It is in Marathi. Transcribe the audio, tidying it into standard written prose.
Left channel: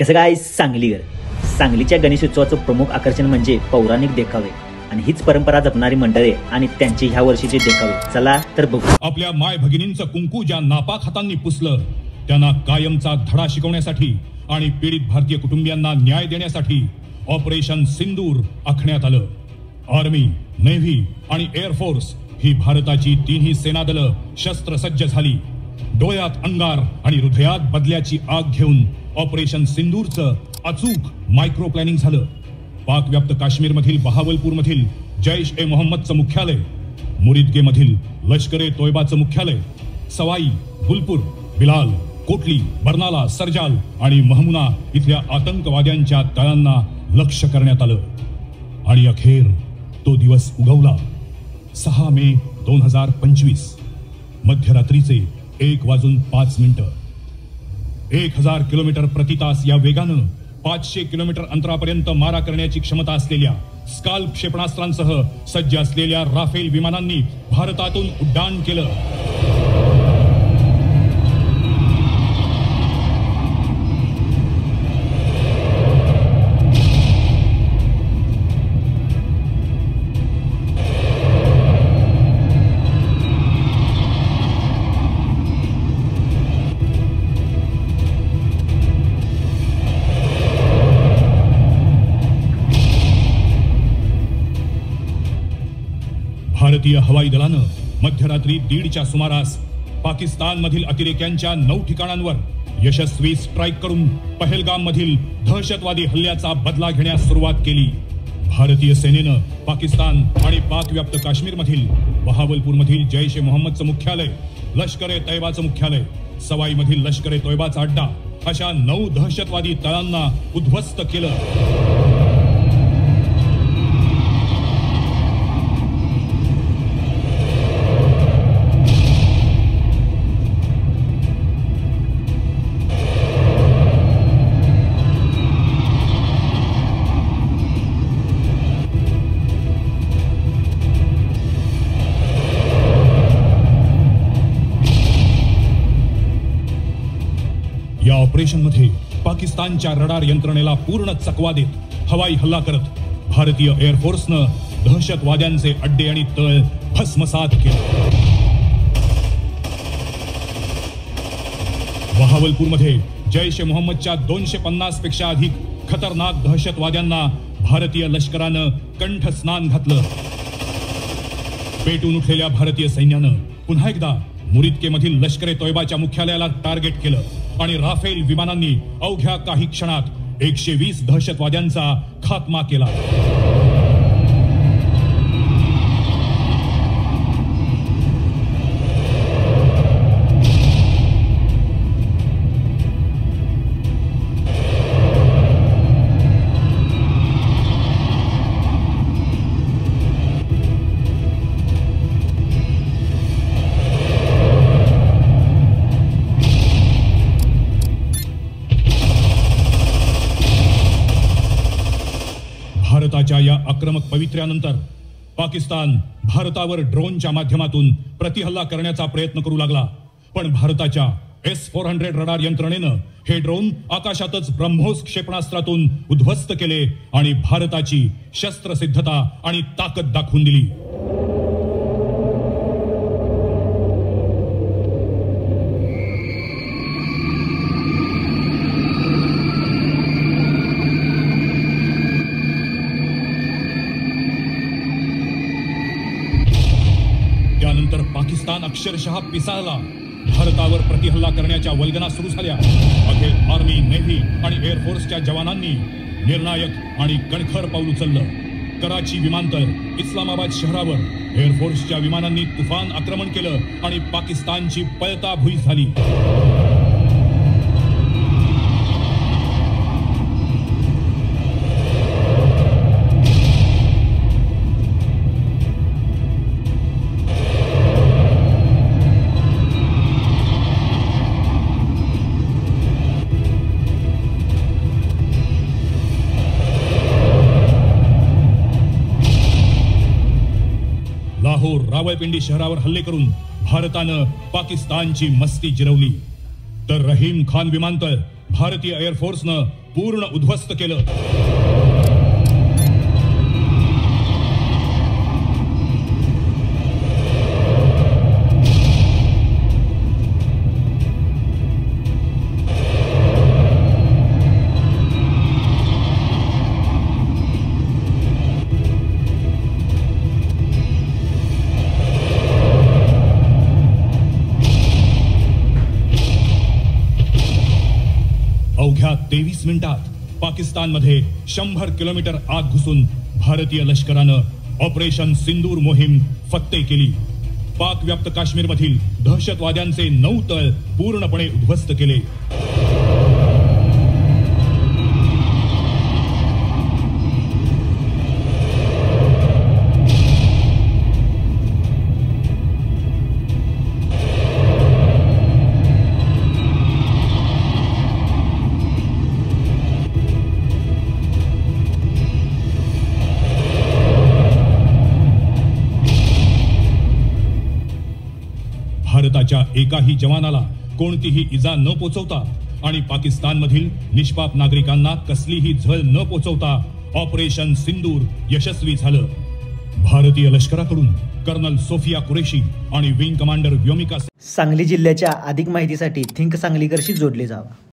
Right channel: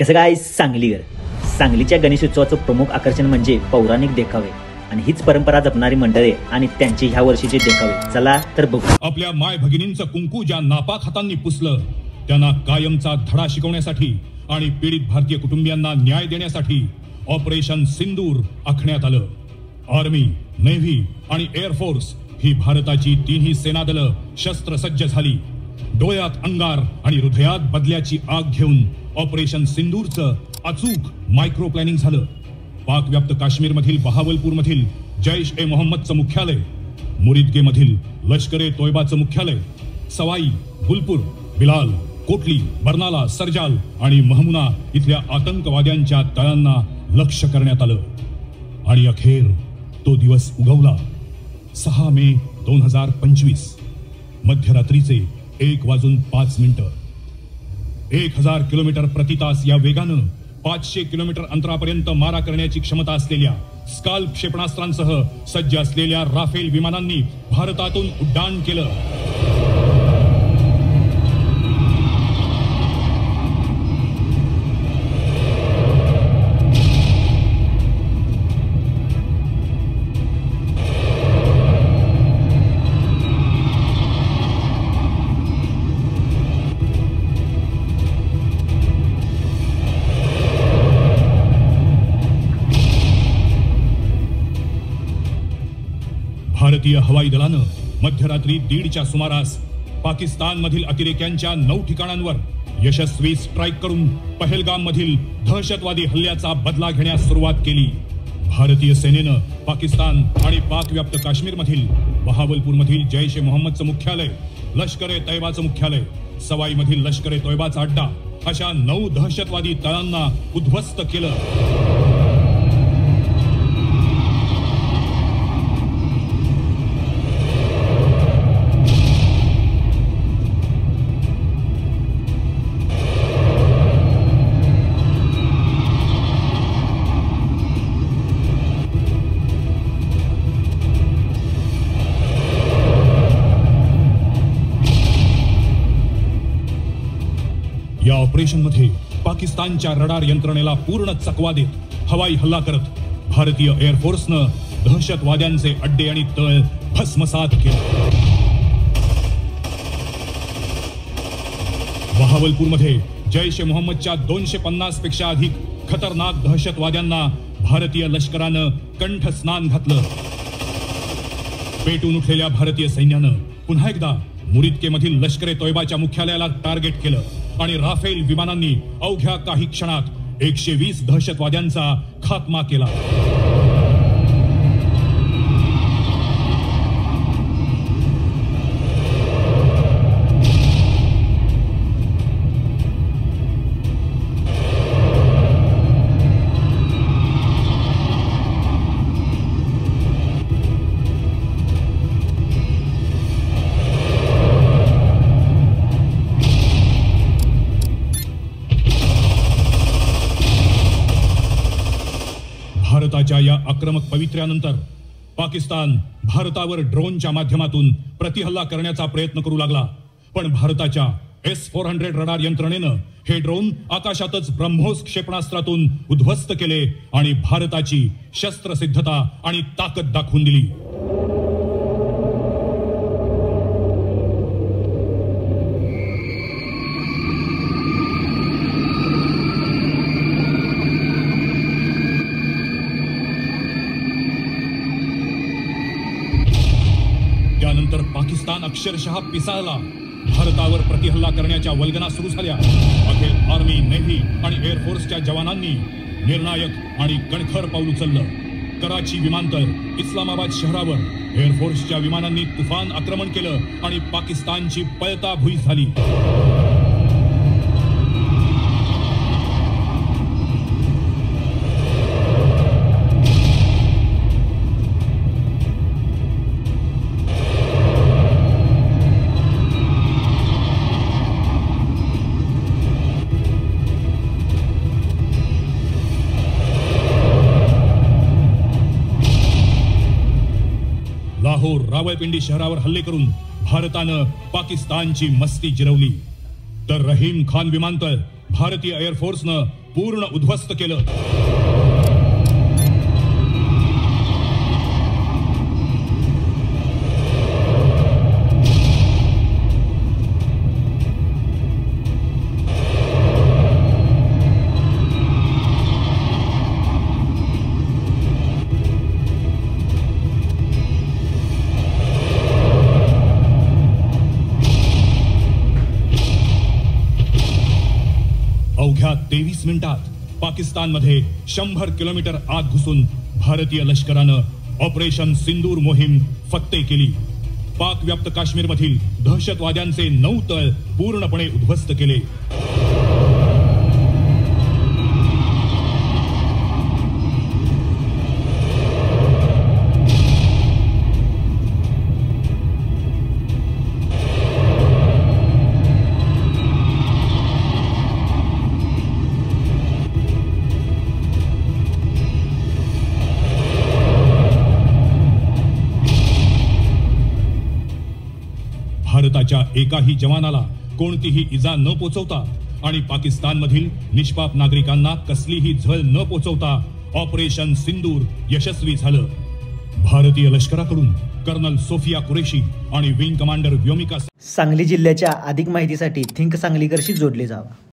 कसं काय सांगलीकर सांगलीच्या गणेशोत्सवाचं प्रमुख आकर्षण म्हणजे पौराणिक देखावे आणि हीच परंपरा जपणारी मंडळी आणि त्यांचे ह्या वर्षीचे देखावे चला तर बघू। आपल्या माय भगिनींचं कुंकू ज्या नापाक हातांनी पुसलं त्यांना कायमचा धडा शिकवण्यासाठी आणि पीडित भारतीय कुटुंबियांना न्याय देण्यासाठी ऑपरेशन सिंदूर आखण्यात आलं। आर्मी, नेव्ही आणि एअरफोर्स ही भारताची तिन्ही सेनादलं शस्त्रसज्ज झाली। डोळ्यात अंगार आणि हृदयात बदल्याची आग घेऊन ऑपरेशन सिंदूरचं अचूक मायक्रो प्लॅनिंग झालं। पाकव्याप्त काश्मीर मधील बहावलपूर मधील जैश ए मोहम्मदचं मुख्यालय, मुरिदके मधील लष्कर ए तोयबाचं मुख्यालय, सवाई, फुलपूर, बिलाल, कोटली, बर्नाला, सरजाल आणि महमुना इथल्या आतंकवाद्यांच्या तळांना लक्ष्य करण्यात आलं। आणि अखेर तो दिवस उगवला। 6 मे 2025 मध्यरात्रीचे 1:05 1000 किलोमीटर प्रति तास या वेगानं 500 किलोमीटर अंतरापर्यंत मारा करण्याची क्षमता असलेल्या स्काल क्षेपणास्त्रांसह सज्ज असलेल्या राफेल विमानांनी भारतातून उड्डाण केलं। भारतीय हवाई दलानं मध्यरात्री 1:30च्या सुमारास पाकिस्तान मधील अतिरेक्यांच्या 9 ठिकाणांवर यशस्वी स्ट्राईक करून पहलगाम मधील दहशतवादी हल्ल्याचा बदला घेण्यास सुरुवात केली। भारतीय सेनेनं पाकिस्तान आणि पाकव्याप्त काश्मीर मधील बहावलपूर मधील जैश ए मोहम्मदचं मुख्यालय, लष्कर ए तैयबाचं मुख्यालय, सवाई मधील लष्कर ए तोयबाचा अड्डा अशा 9 दहशतवादी तळांना उद्ध्वस्त केलं। या ऑपरेशन मध्ये पाकिस्तानच्या रडार यंत्रणेला पूर्ण चकवा देत हवाई हल्ला करत भारतीय एअरफोर्सनं दहशतवाद्यांचे अड्डे आणि तळ भस्मसात केले। बहावलपूरमध्ये जैश ए मोहम्मदच्या 250 पेक्षा अधिक खतरनाक दहशतवाद्यांना भारतीय लष्करानं कंठस्नान घातलं। पेटून उठलेल्या भारतीय सैन्यानं पुन्हा एकदा मुरिदके मधील लष्कर ए तोयबाच्या मुख्यालयाला टार्गेट केलं आणि राफेल विमानांनी अवघ्या काही क्षणात 120 दहशतवाद्यांचा खात्मा केला। भारताच्या या आक्रमक पवित्र्यानंतर पाकिस्तान भारतावर ड्रोनच्या माध्यमातून प्रतिहल्ला करण्याचा प्रयत्न करू लागला, पण भारताच्या S-400 रडार यंत्रणेनं हे ड्रोन आकाशातच ब्रह्मोस क्षेपणास्त्रातून उद्ध्वस्त केले आणि भारताची शस्त्रसिद्धता आणि ताकद दाखवून दिली। पाकिस्तान अक्षरशः पिसाळला। भारतावर प्रतिहल्ला करण्याच्या वल्गना सुरू झाल्या। अखेर आर्मी, नेव्ही आणि एअरफोर्सच्या जवानांनी निर्णायक आणि कणखर पाऊल उचललं। कराची विमानतळ, इस्लामाबाद शहरावर एअरफोर्सच्या विमानांनी तुफान आक्रमण केलं आणि पाकिस्तानची पळताभुई झाली। रावळपिंडी शहरावर हल्ले करून भारतानं पाकिस्तानची मस्ती जिरवली, तर रहीम खान विमानतळ भारतीय एअरफोर्सनं पूर्ण उद्ध्वस्त केलं. अवघ्या 23 मिनिटात पाकिस्तानमध्ये 100 किलोमीटर आत घुसून भारतीय लष्करानं ऑपरेशन सिंदूर मोहीम फत्ते केली. पाक व्याप्त काश्मीरमधील दहशतवाद्यांचे 9 तळ पूर्णपणे उद्ध्वस्त केले. भारताच्या एकाही जवानाला कोणतीही इजा न पोचवता आणि पाकिस्तानमधील निष्पाप नागरिकांना कसलीही झळ न पोचवता ऑपरेशन सिंदूर यशस्वी झालं. भारतीय लष्कराकडून कर्नल सोफिया कुरेशी आणि विंग कमांडर व्योमिका. सांगली जिल्ह्याच्या अधिक माहितीसाठी थिंक सांगलीकरशी जोडले जावा.